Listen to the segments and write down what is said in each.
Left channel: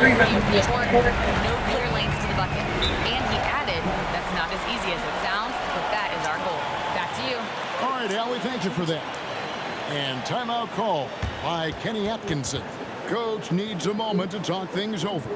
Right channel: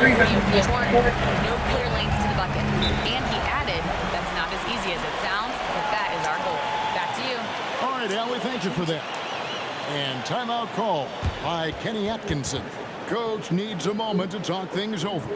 runs in the court, no clear lanes to the bucket. And he added, that's not as easy as it sounds, but that is our goal. Back to you. All right, Allie, thank you for that. And timeout call by Kenny Atkinson. Coach needs a moment to talk things over.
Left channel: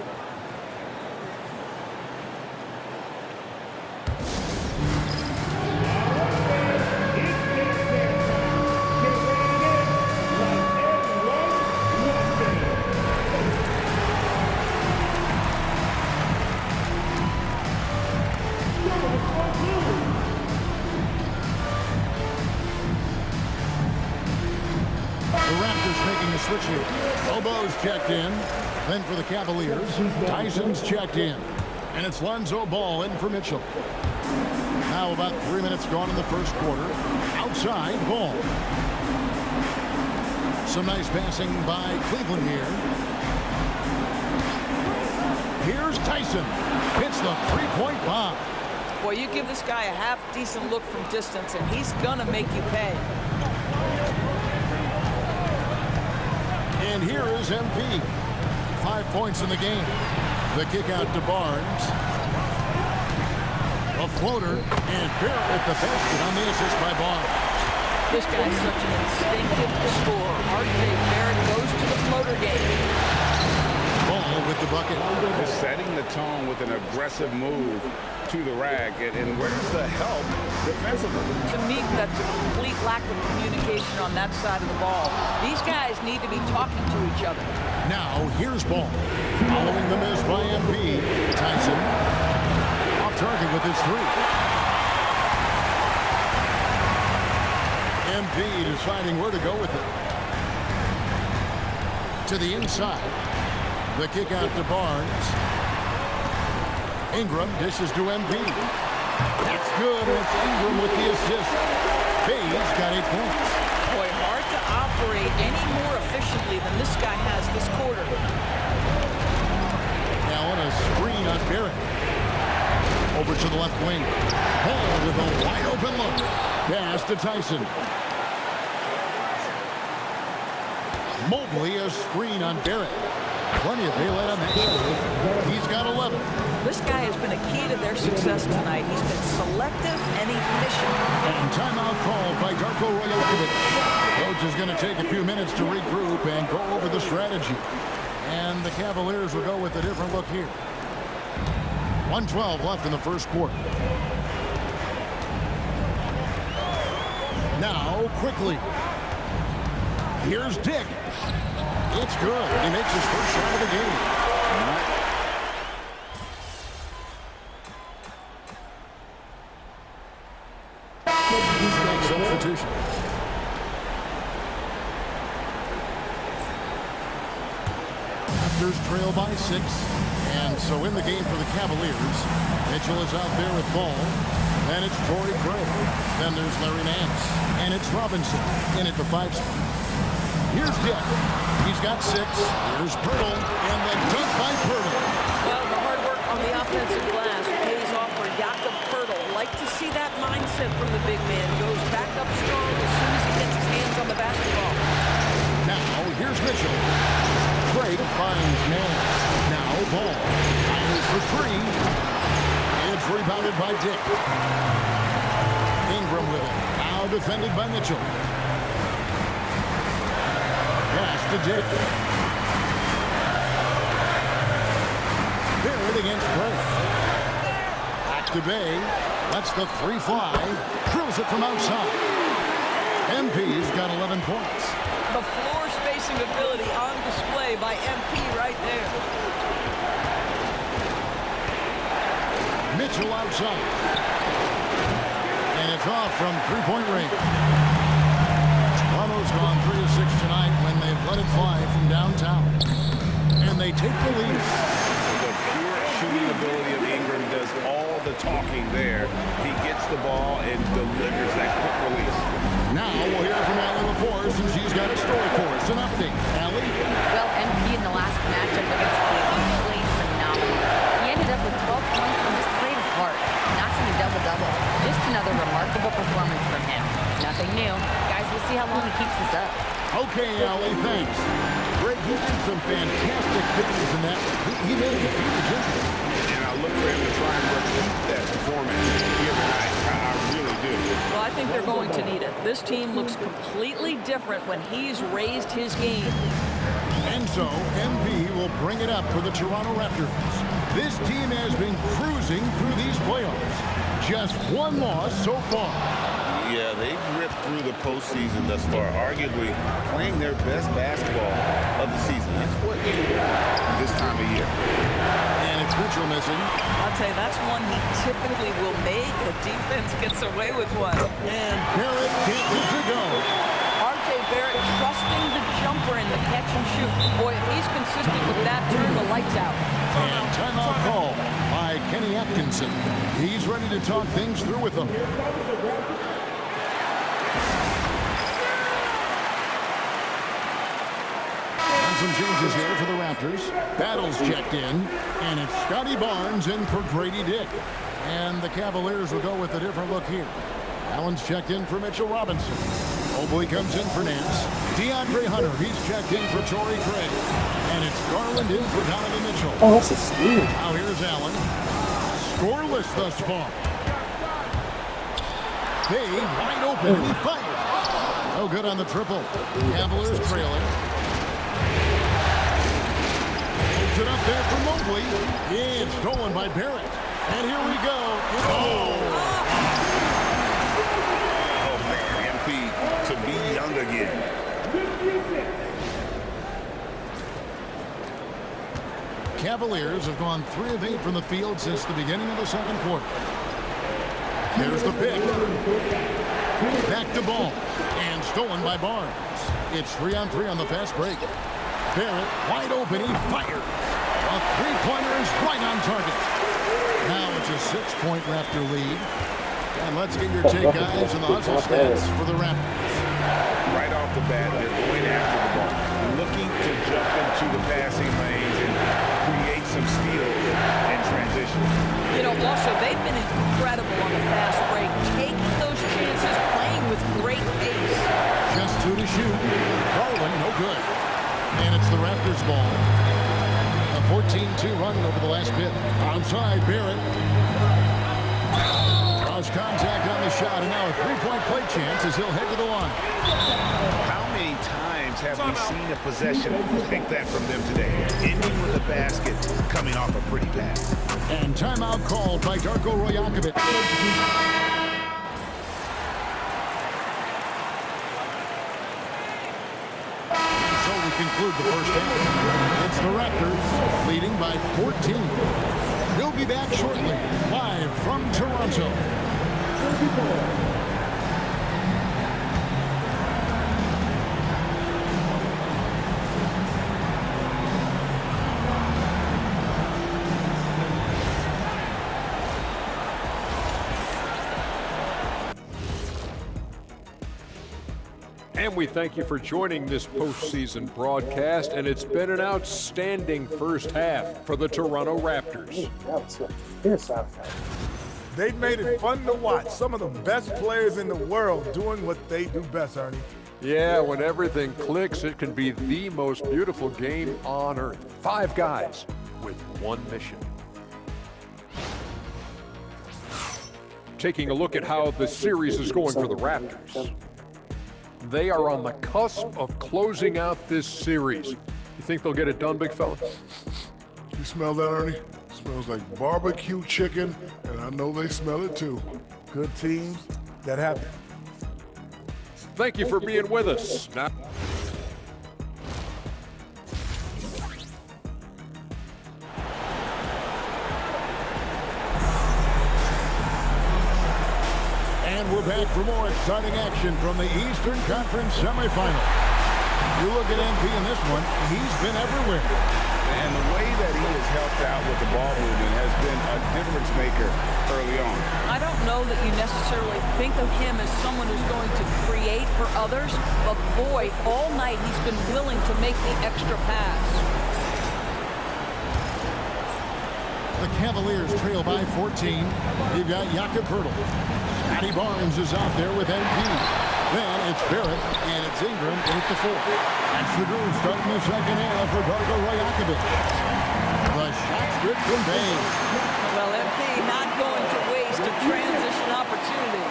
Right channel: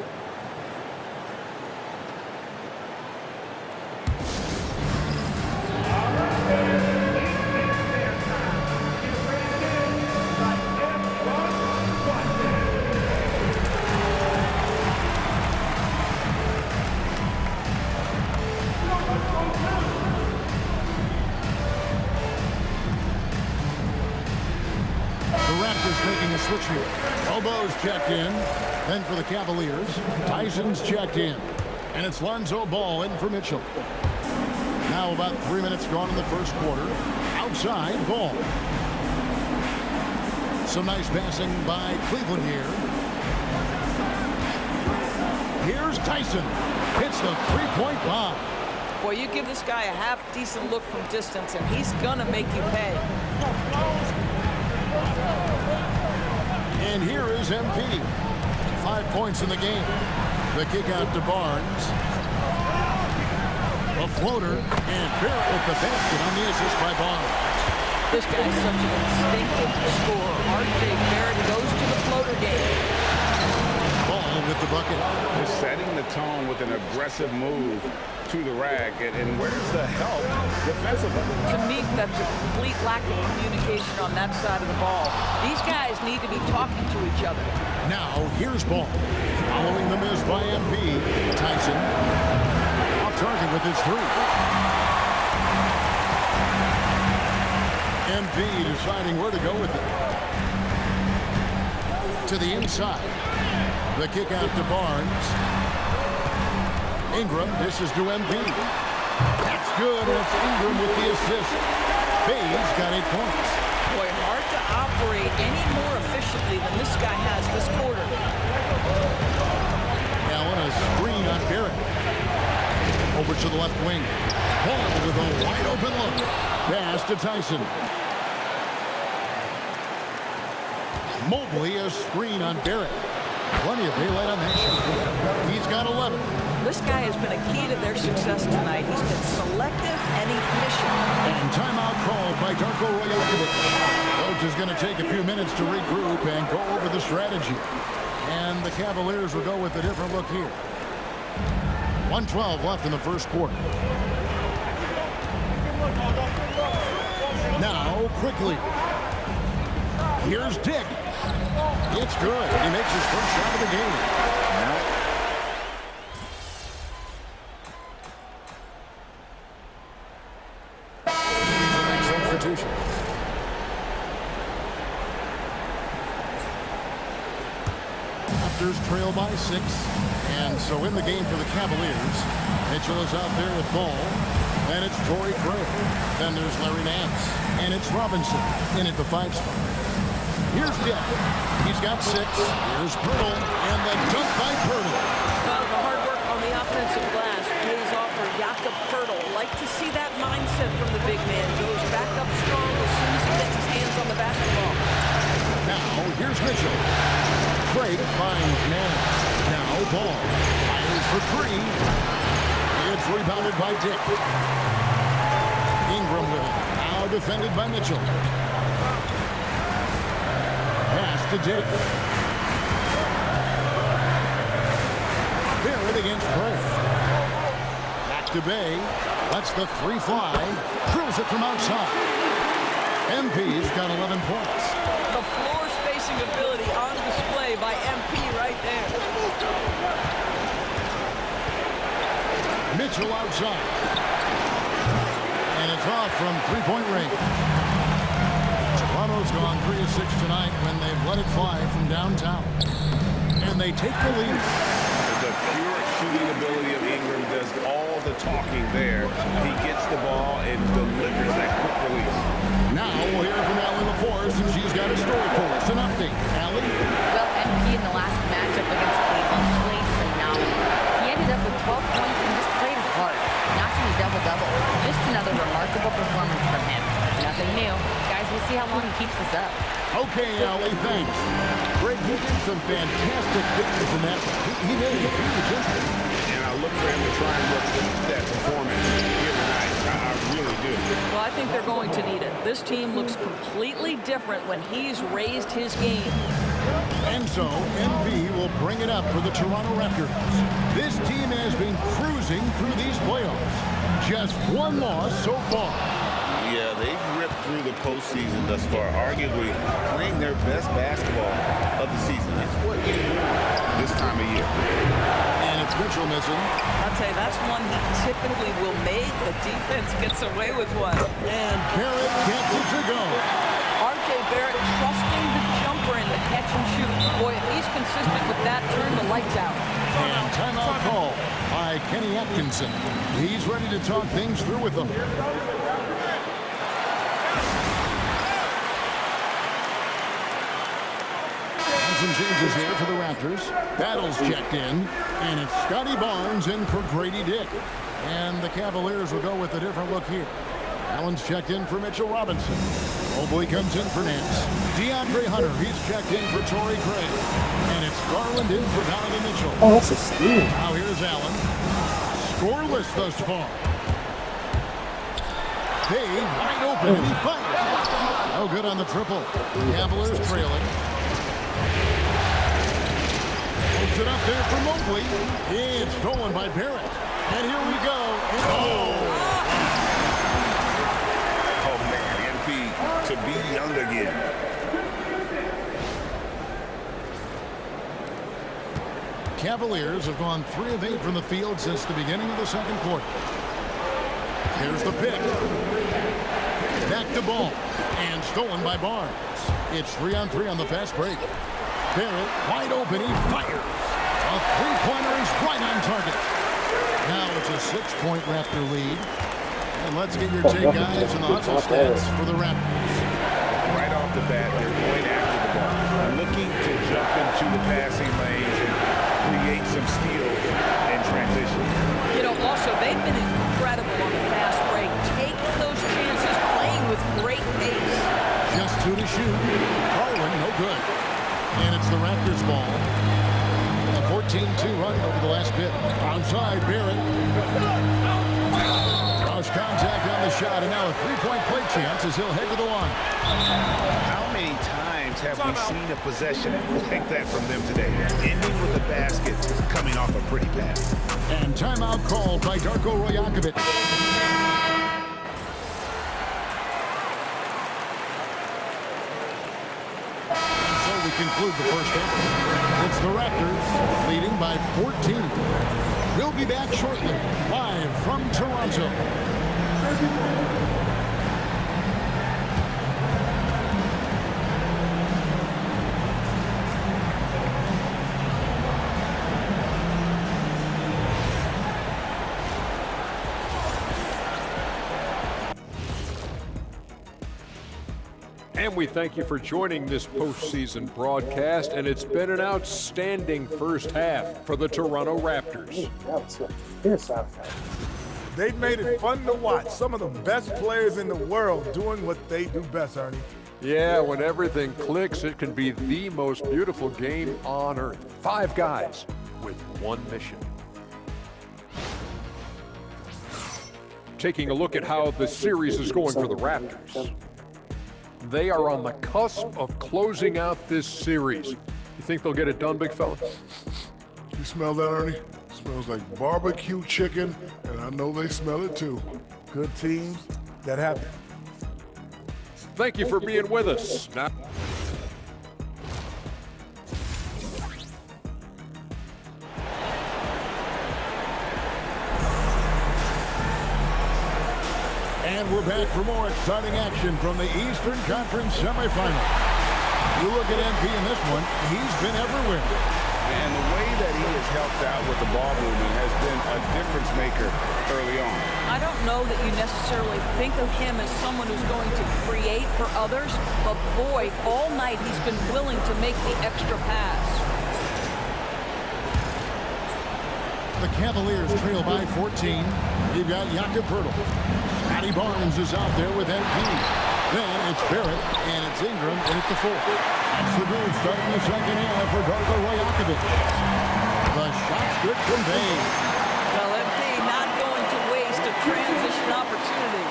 The Raptors making a switch here. Bobo's checked in. Then for the Cavaliers, Tyson's checked in. And it's Lonzo Ball in for Mitchell. Now about 3 minutes gone in the first quarter. Outside, Ball. Some nice passing by Cleveland here. Here's Tyson. Hits the three-point bomb. Boy, you give this guy a half-decent look from distance, and he's gonna make you pay. And here is MP. 5 points in the game. The kick out to Barnes. A floater, and Barrett with the basket on the assist by Barnes. This guy's such an instinctive scorer. R.J. Barrett goes to the floater game. Ball with the bucket. Just setting the tone with an aggressive move to the rack. And where's the help defensively? To me, that's a complete lack of communication on that side of the ball. These guys need to be talking to each other. Now, here's Ball. Following the miss by MP. Tyson off target with his three. MP deciding where to go with it. To the inside. The kick out to Barnes. Ingram dishes to MP. That's good, and it's Ingram with the assist. Bay's got 8 points. Boy, hard to operate any more efficiently than this guy has this quarter. Allen, a screen on Barrett. Over to the left wing. Ball with a wide open look. Pass to Tyson. Mobley, a screen on Barrett. Plenty of daylight on that shot. He's got 11. This guy has been a key to their success tonight. He's been selective and efficient. And timeout called by Darko Rajakovic. Coach is going to take a few minutes to regroup and go over the strategy. And the Cavaliers will go with a different look here. 1:12 left in the first quarter. Now, quickly. Here's Dick. It's good. He makes his first shot of the game. He's the next substitution. Raptors trail by 6. And so in the game for the Cavaliers, Mitchell is out there with Ball. And it's Torrey Craig. Then there's Larry Nance. And it's Robinson in at the 5 spot. Here's Dick. He's got 6. Here's Pirtle. And the dunk by Pirtle. Well, the hard work on the offensive glass pays off for Jakob Pirtle. Like to see that mindset from the big man. Goes back up strong as soon as he gets his hands on the basketball. Now, here's Mitchell. Craig finds Nance. Now, Ball. Fires for 3. It's rebounded by Dick. Ingram with it. Now defended by Mitchell. Pass to Dick. Barrett against Craig. Back to Bay. Lets the 3 fly. Drills it from outside. MP's got 11 points. The floor spacing ability on display by MP right there. Mitchell outside. And it's off from 3-point range. Toronto's gone 3 of 6 tonight when they've let it fly from downtown. And they take the lead. The pure shooting ability of Ingram does all the talking there. He gets the ball and delivers that quick release. Now we'll hear from Allie LaForce, and she's got a story for us. An update. Allie? Well, MP in the last matchup against Cleveland played phenomenal. He ended up with 12 points and just played hard, notching a double-double. Just another remarkable performance from him. Nothing new. Guys, we'll see how long he keeps this up. Okay, Allie, thanks. Greg, he did some fantastic things in that one. He made a huge impact. And I look for him to try and repeat that performance here tonight. I really do. Well, I think they're going to need it. This team looks completely different when he's raised his game. And so, MV will bring it up for the Toronto Raptors. This team has been cruising through these playoffs. Just one loss so far. Yeah, they've ripped through the postseason thus far, arguably playing their best basketball of the season. That's what you want this time of year. And it's Mitchell missing. I'll tell you, that's one he typically will make. The defense gets away with one. And Barrett gets it to go. R.J. Barrett trusting the jumper in the catch and shoot. Boy, if he's consistent with that, turn the lights out. And timeout call by Kenny Atkinson. He's ready to talk things through with them. Some changes here for the Raptors. Battles checked in, and it's Scotty Barnes in for Grady Dick. And the Cavaliers will go with a different look here. Allen's checked in for Mitchell Robinson. Mobley comes in for Nance. DeAndre Hunter, he's checked in for Torrey Craig. And it's Garland in for Donovan Mitchell. Oh, that's a steal. Now here's Allen. Scoreless thus far. Bay wide open, and he fires. No good on the triple. Cavaliers trailing. Puts it up there for Mobley. It's stolen by Barrett. And here we go. Oh, man, MP to be young again. Cavaliers have gone 3 of 8 from the field since the beginning of the second quarter. Here's the pick. Back to ball. And stolen by Barnes. It's 3-on-3 on the fast break. Barrett wide open. He fires. A three-pointer is right on target. Now it's a 6-point Raptor lead. And let's get your take, guys, on the hustle stats for the Raptors. Right off the bat, they're going after the ball, looking to jump into the passing lanes and create some steals and transition. You know, also, they've been incredible on the fast break, taking those chances, playing with great pace. Just 2 to shoot. Garland, no good. And it's the Raptors' ball. A 14-2 run over the last bit. Outside, Barrett. Cross contact on the shot, and now a three-point play chance as he'll head to the line. How many times have we seen a possession like that from them today? Ending with a basket, coming off a pretty pass. And timeout called by Darko Rajakovic. We conclude the first half. It's the Raptors leading by 14. We'll be back shortly, live from Toronto. And we thank you for joining this postseason broadcast, and it's been an outstanding first half for the Toronto Raptors. They've made it fun to watch. Some of the best players in the world doing what they do best, Ernie. Yeah, when everything clicks, it can be the most beautiful game on earth. 5 guys with one mission. Taking a look at how the series is going for the Raptors. They are on the cusp of closing out this series. You think they'll get it done, big fella? You smell that, Ernie? It smells like barbecue chicken, and I know they smell it too. Good teams, that happen. Thank you for being with us. Now, And we're back for more exciting action from the Eastern Conference semifinal. You look at MP in this one, he's been everywhere. And the way that he has helped out with the ball movement has been a difference maker early on. I don't know that you necessarily think of him as someone who's going to create for others, but boy, all night he's been willing to make the extra pass. The Cavaliers trail by 14. You've got Jakob Poeltl. Scotty Barnes is out there with MP. Then it's Barrett, and it's Ingram in at the 4. That's the groove starting the second half for Darko Rajakovic. The shot's good from Bay. Well, MP not going to waste a transition opportunity.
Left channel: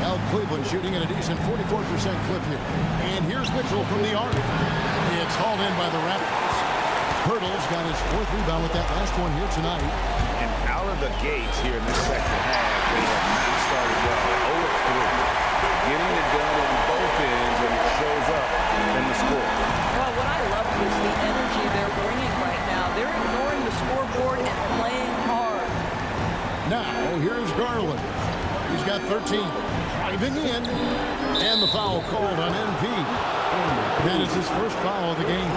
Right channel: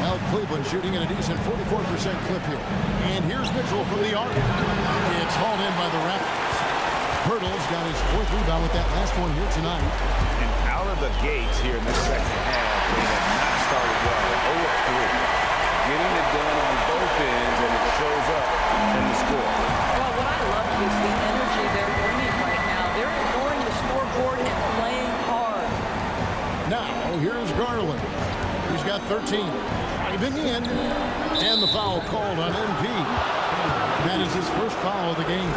Now Cleveland shooting at a decent 44% clip here. And here's Mitchell from the arc. It's hauled in by the Raptors. Pirtle's got his 4th rebound with that last one here tonight. And out of the gates here in the second half, they have not started well. 0 of 3. Getting it done on both ends, and it shows up in the score. Well, what I love is the energy they're bringing right now. They're ignoring the scoreboard and playing hard. Now, here's Garland. He's got 13. Driving in. And the foul called on MP. That is his first foul of the game.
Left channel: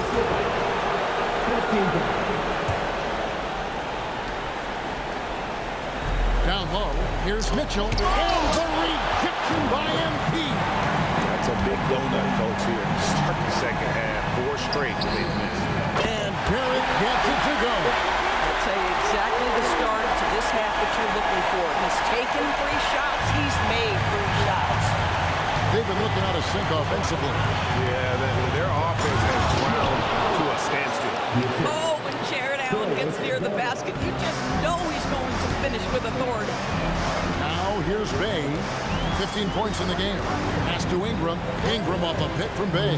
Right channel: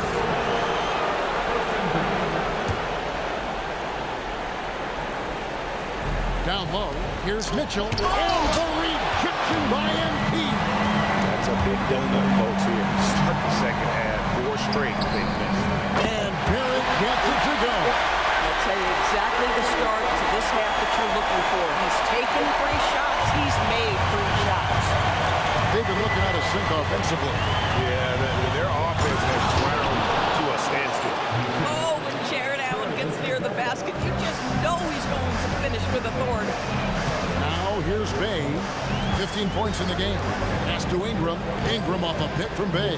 Down low, here's Mitchell, and the rejection by MP. That's a big donut, folks, here. Start the second half. 4 straight they've missed. And Barrett gets it to go. I'll tell you exactly the start to this half that you're looking for. He's taken 3 shots. He's made 3 shots. They've been looking out of sync offensively. Yeah, their offense has ground to a standstill. Oh, when Jared Allen gets near the basket, you just know he's going to finish with authority. Now here's Bay. 15 points in the game. Pass to Ingram. Ingram off a pick from Bay.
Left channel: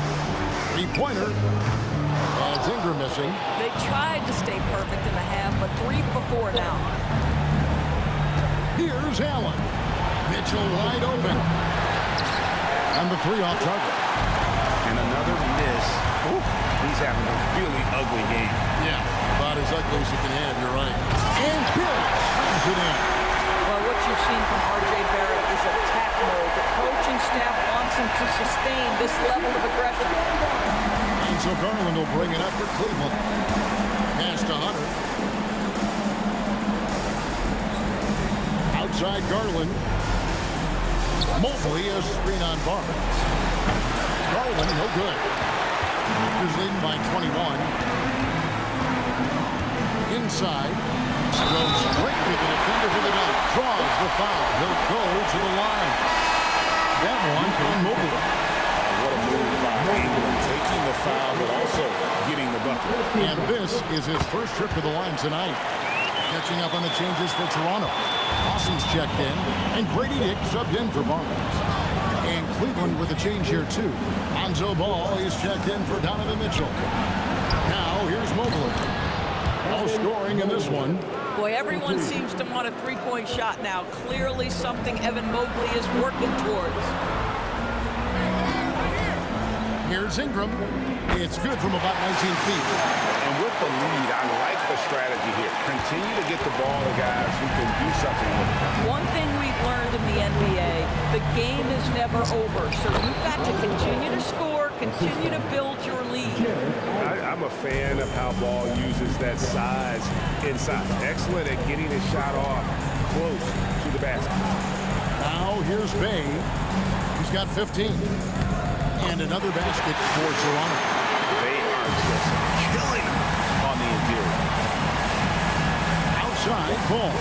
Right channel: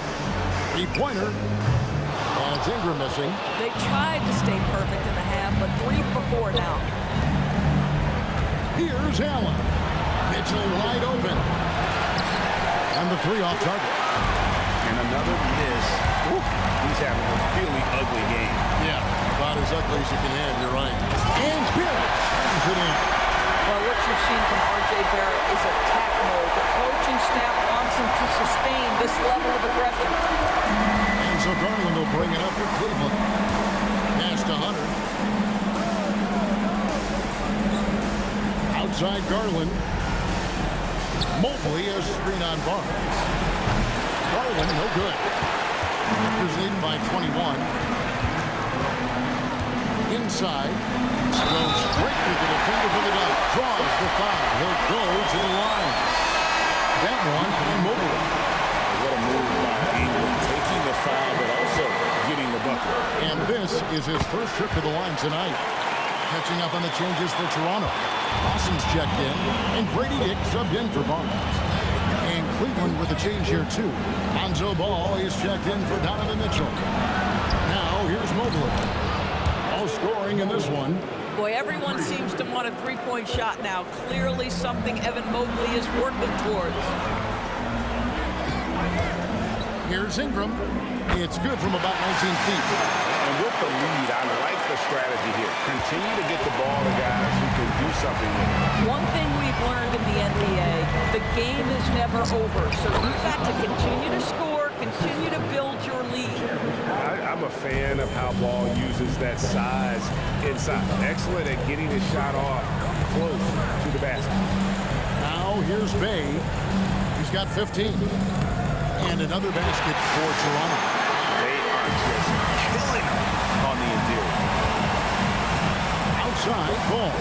3-pointer. And it's Ingram missing. They tried to stay perfect in the half, but 3 for 4 now. Here's Allen. Mitchell wide open. And the 3 off target. And another miss. Ooh, he's having a really ugly game. Yeah, about as ugly as you can have, you're right. And Barrett slams it in. Well, what you've seen from R.J. Barrett is attack mode. The coaching staff wants him to sustain this level of aggression. And so Garland will bring it up for Cleveland. Pass to Hunter. Outside Garland. Mobley a screen on Barnes. Garland, no good. Raptors leading by 21. Inside. Goes straight to the defender for the dunk. Draws the foul. He'll go to the line. That one on Mobley. What a move by Ingram. Taking the foul, but also getting the bucket. And this is his first trip to the line tonight. Catching up on the changes for Toronto. Austin's checked in, and Grady Dick subbed in for Barnes. And Cleveland with a change here, too. Lonzo Ball is checked in for Donovan Mitchell. Now, here's Mobley. No scoring in this one. Boy, everyone seems to want a 3-point shot now. Clearly something Evan Mobley is working towards. Here's Ingram. It's good from about 19 feet. And with the lead, I like the strategy here. Continue to get the ball to guys who can do something with it. One thing we've learned in the NBA, the game is never over. So you've got to continue to score, continue to build your lead. I'm a fan of how Ball uses that size inside. Excellent at getting his shot off close to the basket. Now here's Bay. He's got 15. And another basket for Toronto. They are just killing them on the interior. Outside, Ball.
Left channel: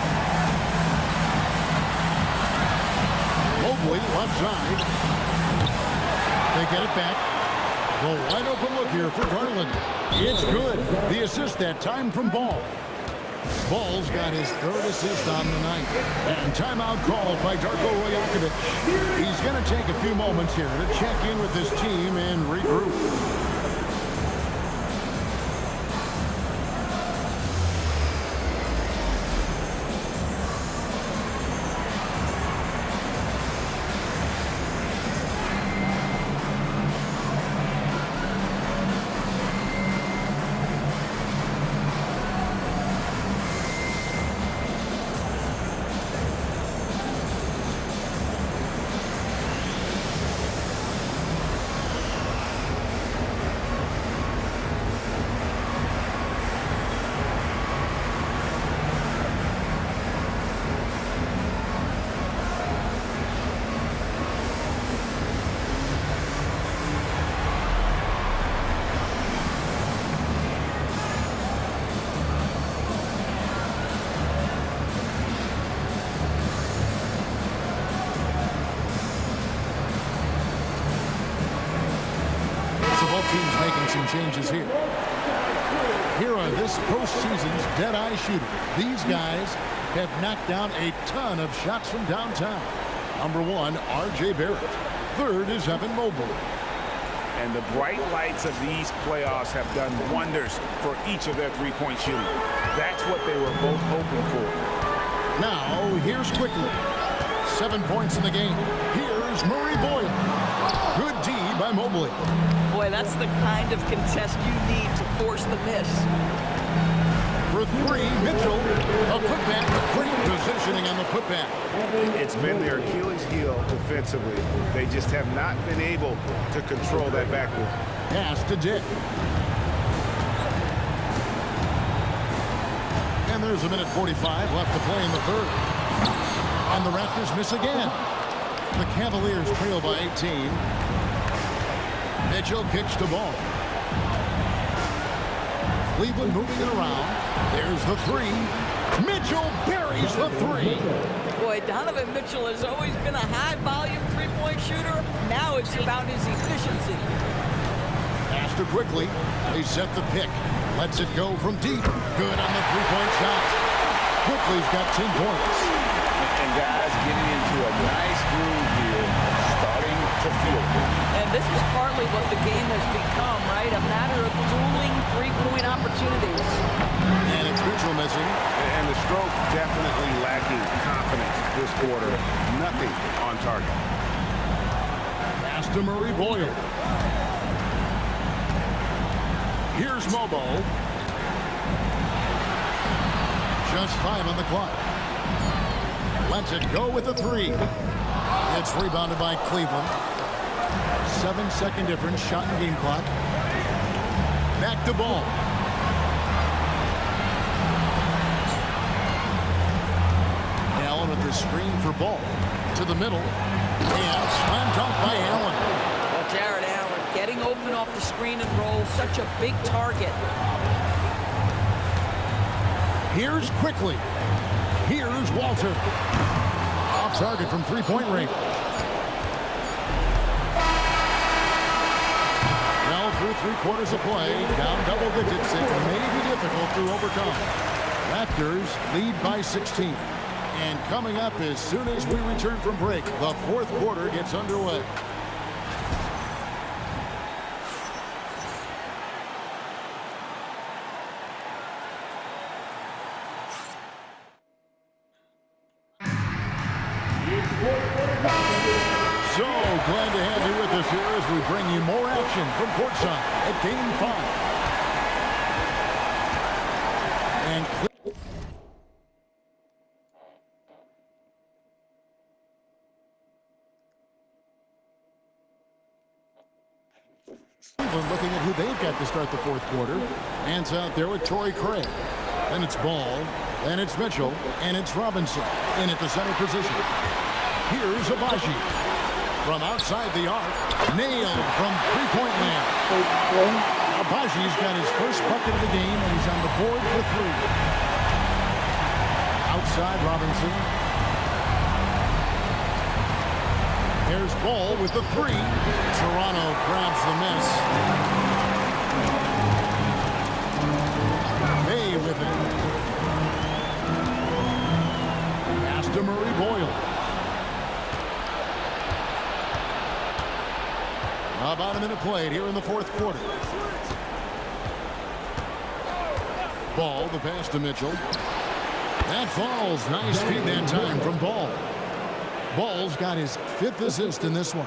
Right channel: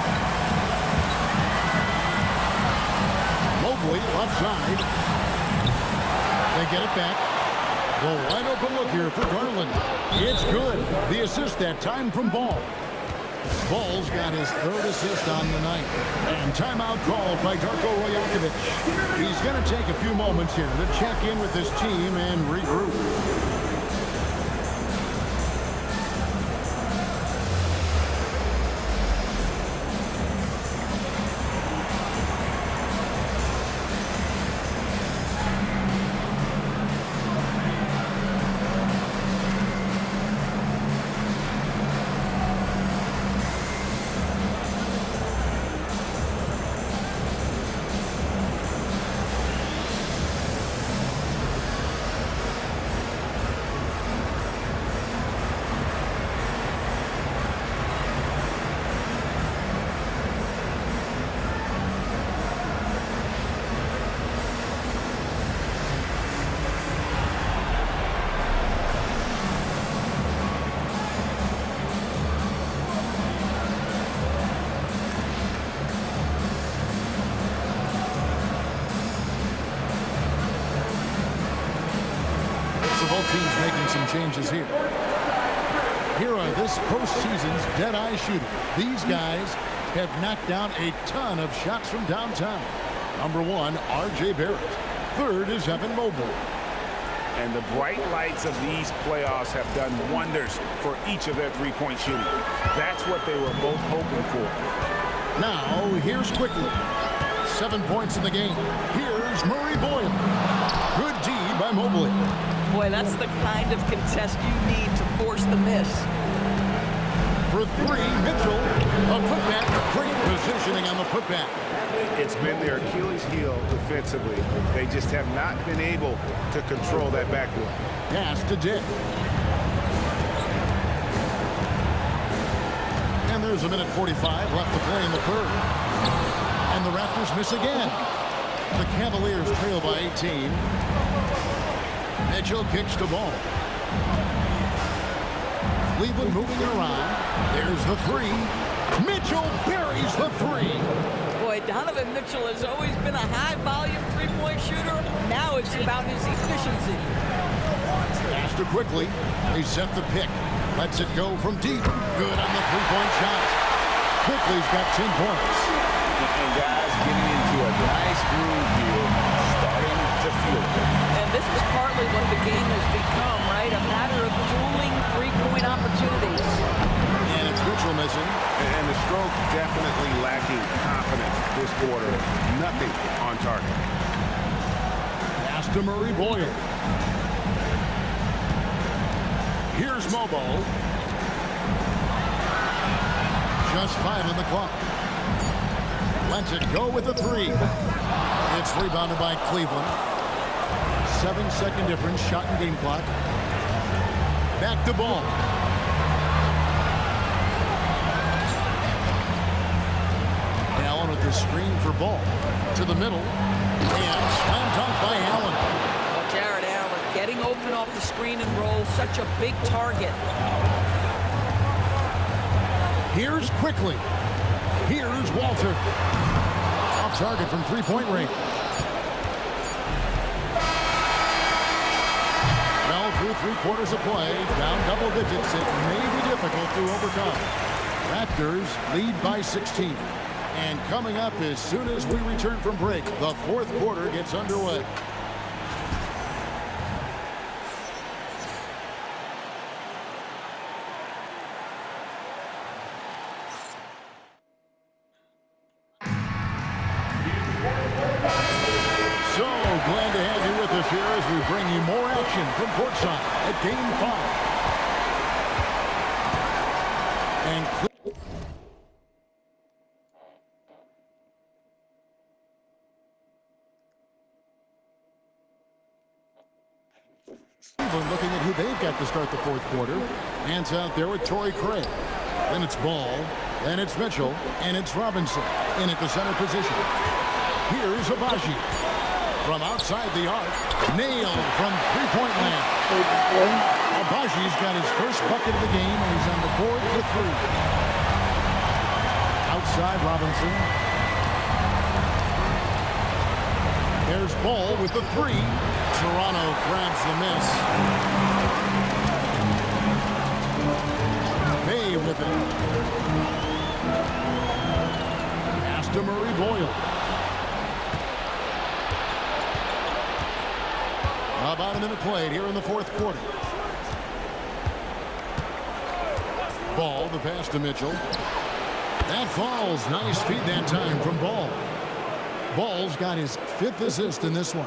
Mobley, left side. They get it back. The wide open look here for Garland. It's good. The assist that time from Ball. Ball's got his 3rd assist on the night. And timeout called by Darko Rajakovic. He's going to take a few moments here to check in with his team and regroup. So both teams making some changes here. Here are this postseason's dead-eye shooter. These guys have knocked down a ton of shots from downtown. Number 1, R.J. Barrett. Third is Evan Mobley. And the bright lights of these playoffs have done wonders for each of their three-point shooting. That's what they were both hoping for. Now, here's Quickly. 7 points in the game. Here's Murray Boyle. Good D by Mobley. Boy, that's the kind of contest you need to force the miss. For 3, Mitchell. A putback. Great positioning on the putback. It's been their Achilles heel defensively. They just have not been able to control that backboard. Pass to Dick. And there's a minute 45 left to play in the third. And the Raptors miss again. The Cavaliers trail by 18. Mitchell kicks the ball. Cleveland moving it around. There's the 3. Mitchell buries the 3. Boy, Donovan Mitchell has always been a high-volume three-point shooter. Now it's about his efficiency. Pass to Quickly. They set the pick. Lets it go from deep. Good on the three-point shot. Quickly's got 10 points. And guys getting into a nice groove here, starting to feel it. And this is partly what the game has become, right? A matter of dueling three-point opportunities. And it's Mitchell missing. And the stroke definitely lacking confidence this quarter. Nothing on target. Pass to Murray Boyle. Here's Mobo. Just 5 on the clock. Lets it go with the 3. It's rebounded by Cleveland. 7-second difference, shot and game clock. Back to Ball. Allen with the screen for Ball. To the middle. And slam dunk by Allen. Well, Jared Allen getting open off the screen and roll. Such a big target. Here's Quickly. Here's Walter. Off target from three-point range. Well, through 3/4 of play, down double digits, it may be difficult to overcome. Raptors lead by 16. And coming up as soon as we return from break, the 4th quarter gets underway. So glad to have you with us here as we bring you more action from courtside at Game 5. And Cleveland looking at who they've got to start the 4th quarter. Hands out there with Torrey Craig. Then it's Ball. Then it's Mitchell. And it's Robinson in at the center position. Here's Abaji. From outside the arc, nailed from three-point land. Abaji's got his first bucket of the game, and he's on the board for 3. Outside Robinson. There's Ball with the 3. Toronto grabs the miss. Bay with it. Pass to Murray Boyle. About a minute played here in the 4th quarter. Ball, the pass to Mitchell. That falls. Nice feed that time from Ball. Ball's got his 5th assist in this one.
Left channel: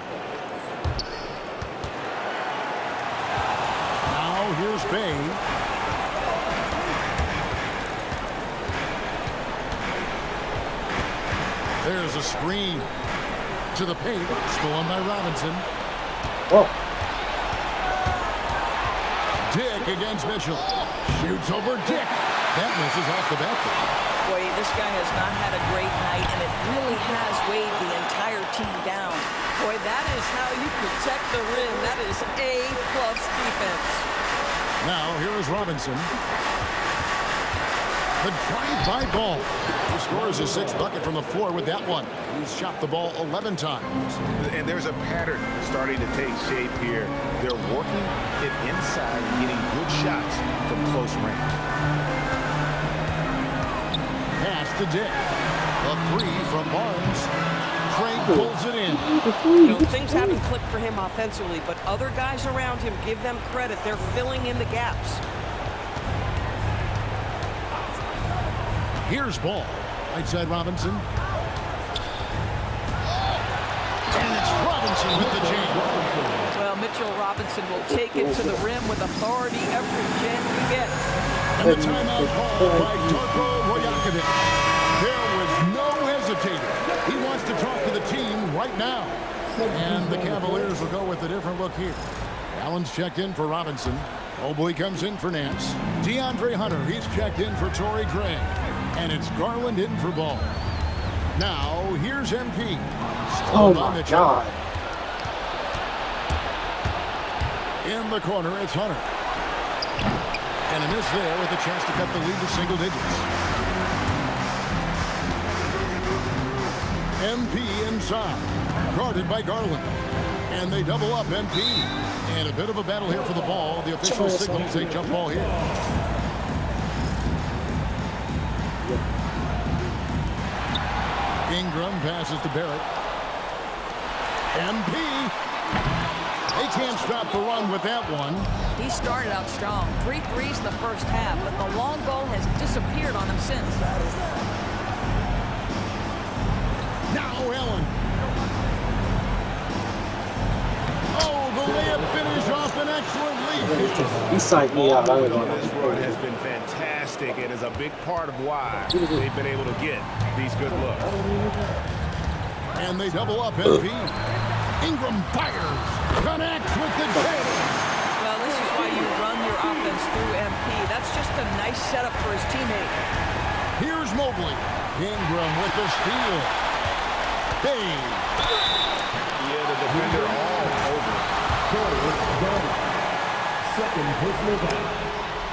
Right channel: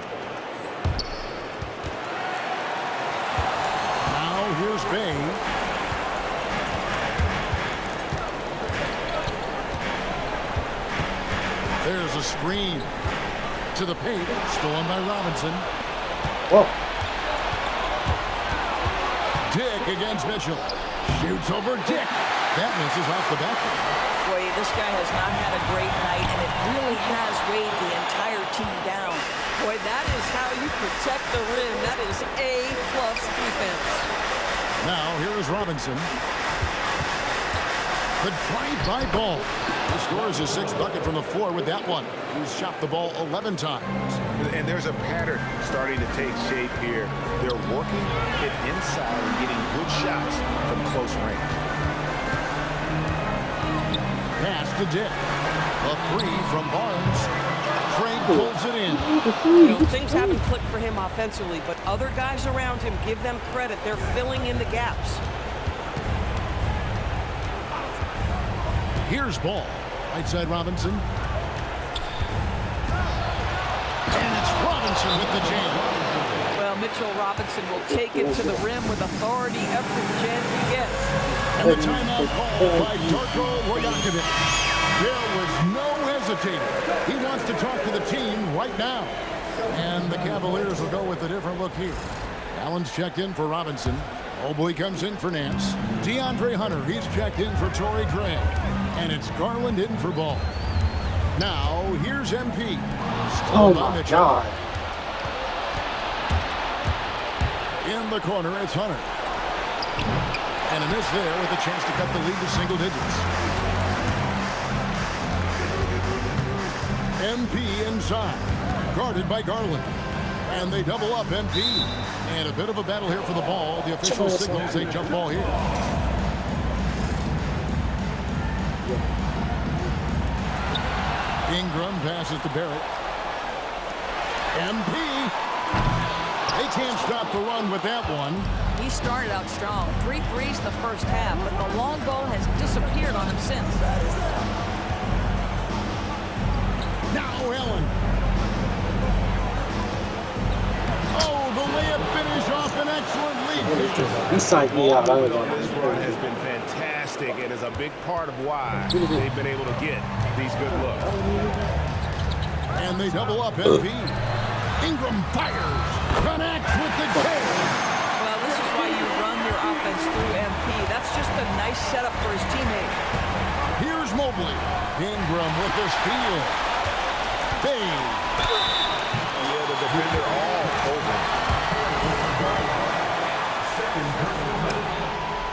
Now here's Bay. There's a screen to the paint. Stolen by Robinson. Whoa. Dick against Mitchell. Shoots over Dick. That misses off the backboard. Boy, this guy has not had a great night, and it really has weighed the entire team down. Boy, that is how you protect the rim. That is A+ defense. Now, here is Robinson. The drive-by Ball. He scores his 6th bucket from the floor with that one. He's shot the ball 11 times. And there's a pattern starting to take shape here. They're working it inside and getting good shots from close range. Pass to Dick. A three from Barnes. Trey pulls it in. You know, things haven't clicked for him offensively, but other guys around him, give them credit. They're filling in the gaps. Here's Ball. Right side Robinson. And it's Robinson with the jam. Well, Mitchell Robinson will take it to the rim with authority every chance he gets. And the timeout called by Darko Rajakovic. There was no hesitating. He wants to talk to the team right now. And the Cavaliers will go with a different look here. Allen's checked in for Robinson. Mobley comes in for Nance. DeAndre Hunter, he's checked in for Torrey Craig. And it's Garland in for Ball. Now, here's MP. Oh, my God. In the corner, it's Hunter. And a miss there with a chance to cut the lead to single digits. MP inside. Guarded by Garland. And they double up MP. And a bit of a battle here for the ball. The official signals a jump ball here. Ingram passes to Barrett. MP. They can't stop the run with that one. He started out strong. 3 threes in the first half, but the long ball has disappeared on him since. Now Allen. Oh, the layup finish off an excellent lead. He signed me out. This run has been fantastic and is a big part of why they've been able to get these good looks. And they double up MP. Ingram fires. Connects with the jam. Well, this is why you run your offense through MP. That's just a nice setup for his teammate. Here's Mobley. Ingram with the steal. Bay. Yeah, the defender all over.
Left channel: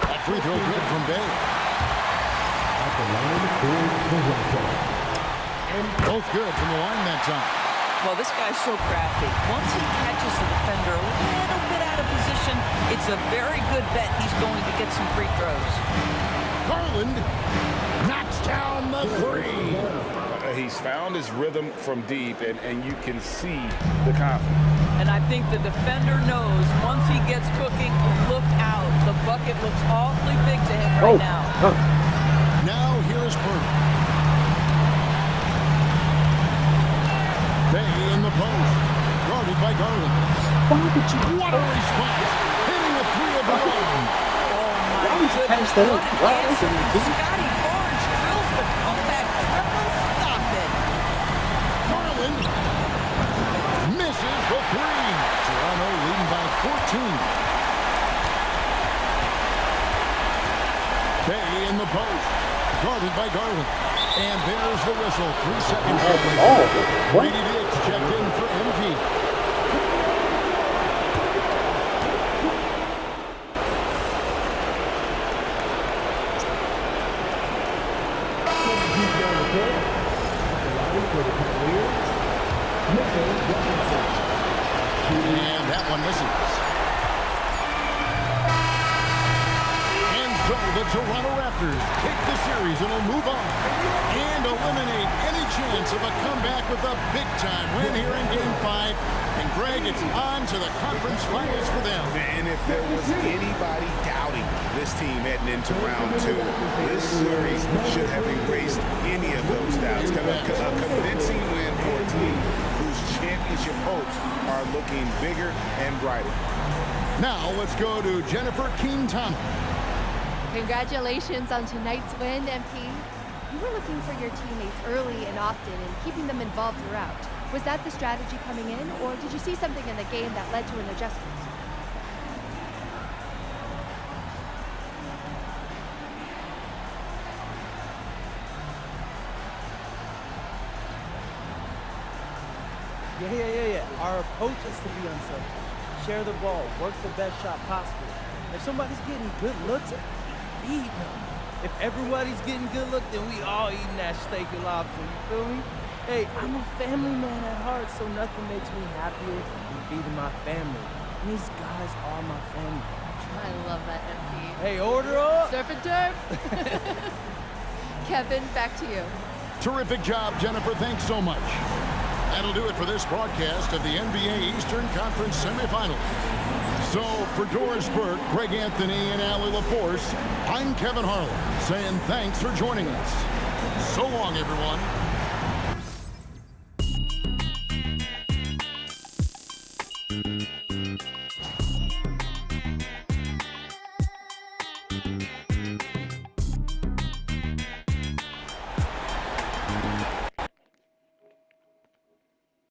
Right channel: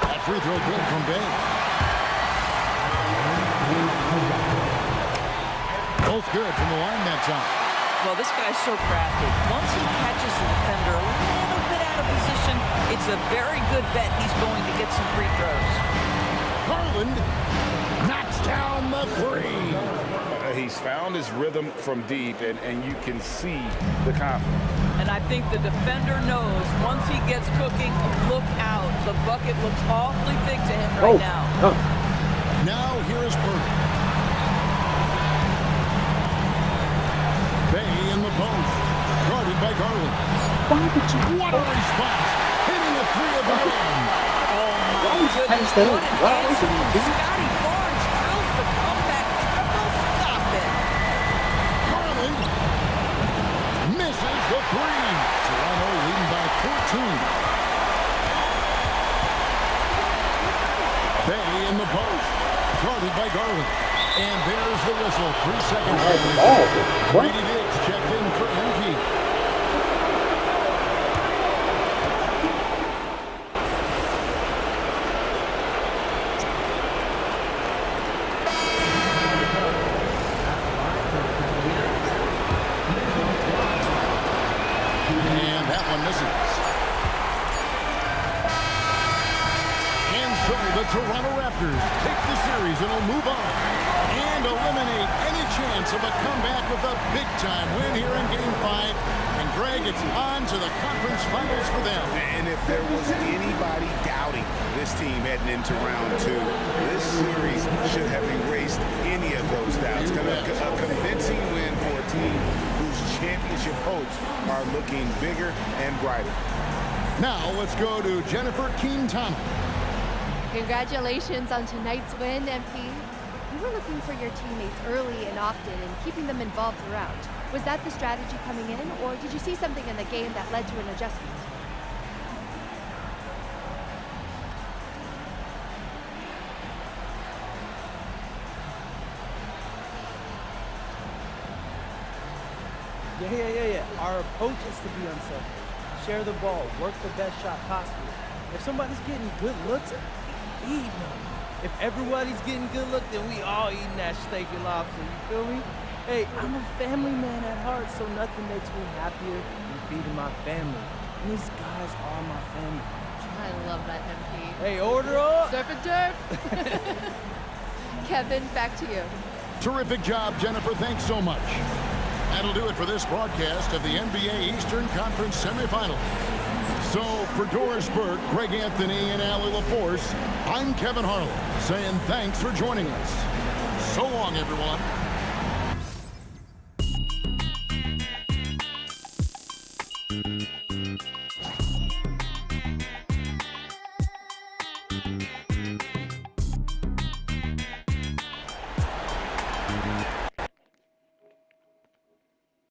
That free throw good from Bay. Both good from the line that time. Well, this guy's so crafty. Once he catches the defender a little bit out of position, it's a very good bet he's going to get some free throws. Garland knocks down the three. He's found his rhythm from deep, and you can see the confidence. And I think the defender knows once he gets cooking, look out. The bucket looks awfully big to him right now. Now here is Purdy. Bay in the post. Guarded by Garland. What a response. Hitting a three of their own. Oh, my goodness. What an answer from Scotty Barnes. Drills the comeback triple. Stop it. Garland misses the three. Toronto leading by 14. Bay in the post. Guarded by Garland. And there's the whistle. 3 seconds. Brady Diggs checked in for MP. And that one misses. And so the Toronto Raptors take the series and will move on and eliminate any chance of a comeback with a big-time win here in Game 5. And, Greg, it's on to the conference finals for them. And if there was anybody doubting this team heading into round 2, this series should have erased any of those doubts. A convincing win for a team whose championship hopes are looking bigger and brighter. Now let's go to Jennifer Keene-Thomas. Congratulations on tonight's win, MP. You were looking for your teammates early and often and keeping them involved throughout. Was that the strategy coming in, or did you see something in the game that led to an adjustment? Yeah. Our approach is to be unselfish. Share the ball, work the best shot possible. If somebody's getting good looks, feed them. If everybody's getting good looks, then we all eating that steak and lobster, you feel me? Hey, I'm a family man at heart, so nothing makes me happier than feeding my family. And these guys are my family. I love that, MP. Hey, order up! Surf and turf! Kevin, back to you. Terrific job, Jennifer. Thanks so much. That'll do it for this broadcast of the NBA Eastern Conference semifinals. So, for Doris Burke, Greg Anthony, and Allie LaForce, I'm Kevin Harlan, saying thanks for joining us. So long, everyone.